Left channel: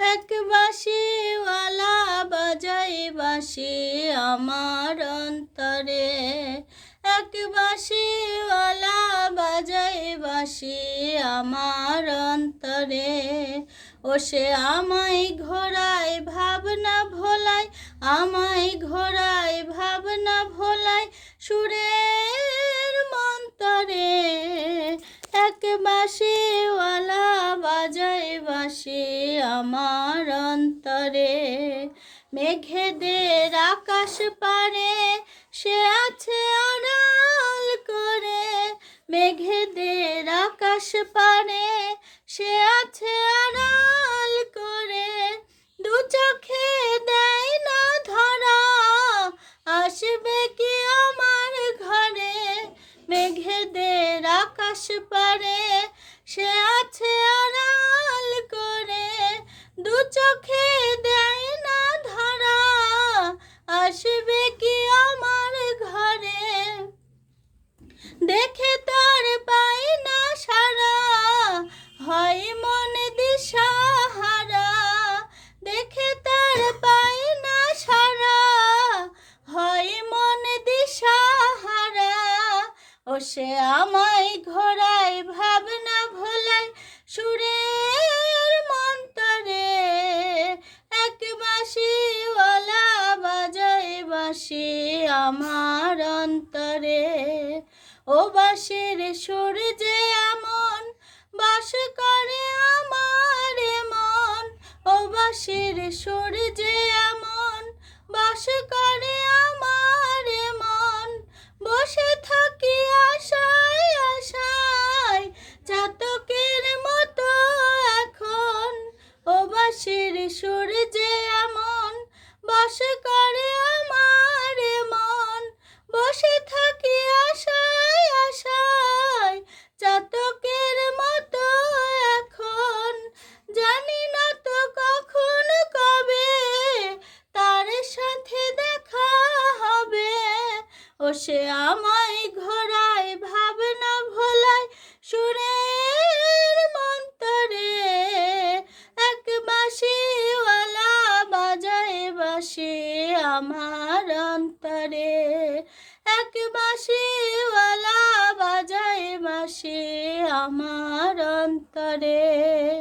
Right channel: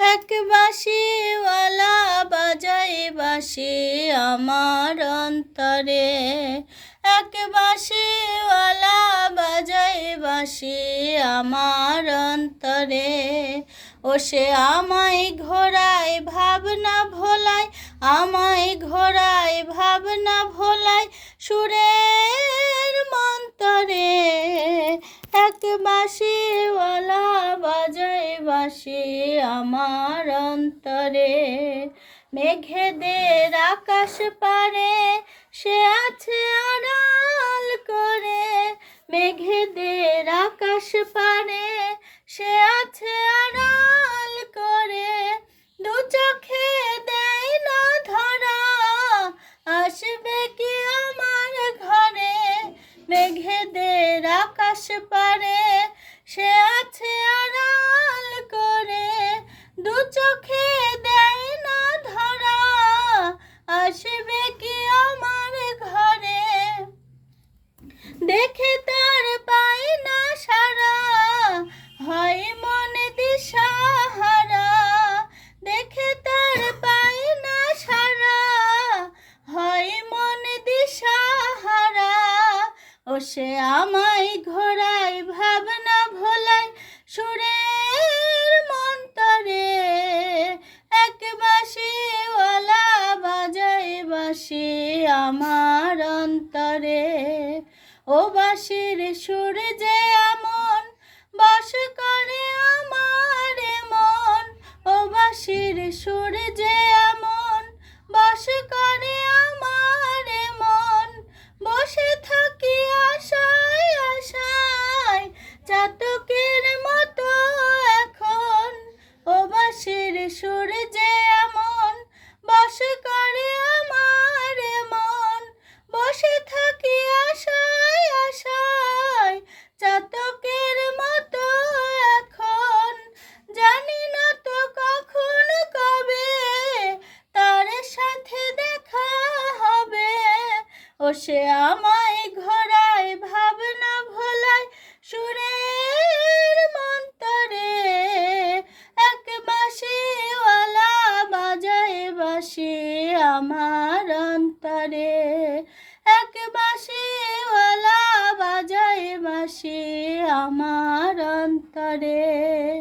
এক বাঁশিওয়ালা বাজায় বাঁশি আমার অন্তরে, এক বাঁশিওয়ালা বাজায় বাঁশি আমার অন্তরে। ও সে আমায় ঘোরায় ভাবনা ভোলায়, আমায় ঘোরায় ভাবনা ভোলায় সুরের মন্তরে। এক বাঁশিওয়ালা বাজায় বাঁশি আমার অন্তরে। মেঘেদের আকাশ পারে সে আছে আড়াল করে, মেঘেদের আকাশ পারে সে আছে আড়াল করে। দু চোখে দেয় না ধরা, আসবে কি আমার ঘরে। মেঘেদের আকাশ পারে সে আছে আড়াল করে, দু চোখে দেয় না ধরা, আসবে কি আমার ঘরে। দেখে তার পায় না সারা, হয় মন দিশাহারা। দেখে তার পায় না সারা, হয় মন দিশাহারা। ও সে আমায় ঘোরায় ভাবনা ভোলায় সুরের মন্তরে। এক বাঁশিওয়ালা বাজায় বাঁশি আমার অন্তরে। ও বাঁশির সুর যে এমন বাস করে আমার মন, ও বাঁশির সুর যে এমন বাস করে আমার মন। বসে থাকি আশায় আশায় চাতকের মতো এখন, ও বাঁশির সুর যে এমন বাস করে আমার মন। বসে থাকি আশায় আশায় চাতকের মতো এখন, জানি না তো কখন কবে তার সাথে দেখা হবে। ও সে আমায় ঘোরায় ভাবনা ভোলায় সুরের মন্তরে। এক বাঁশিওয়ালা বাজায় বাঁশি আমার অন্তরে, এক বাঁশিওয়ালা বাজায় বাঁশি আমার অন্তরে।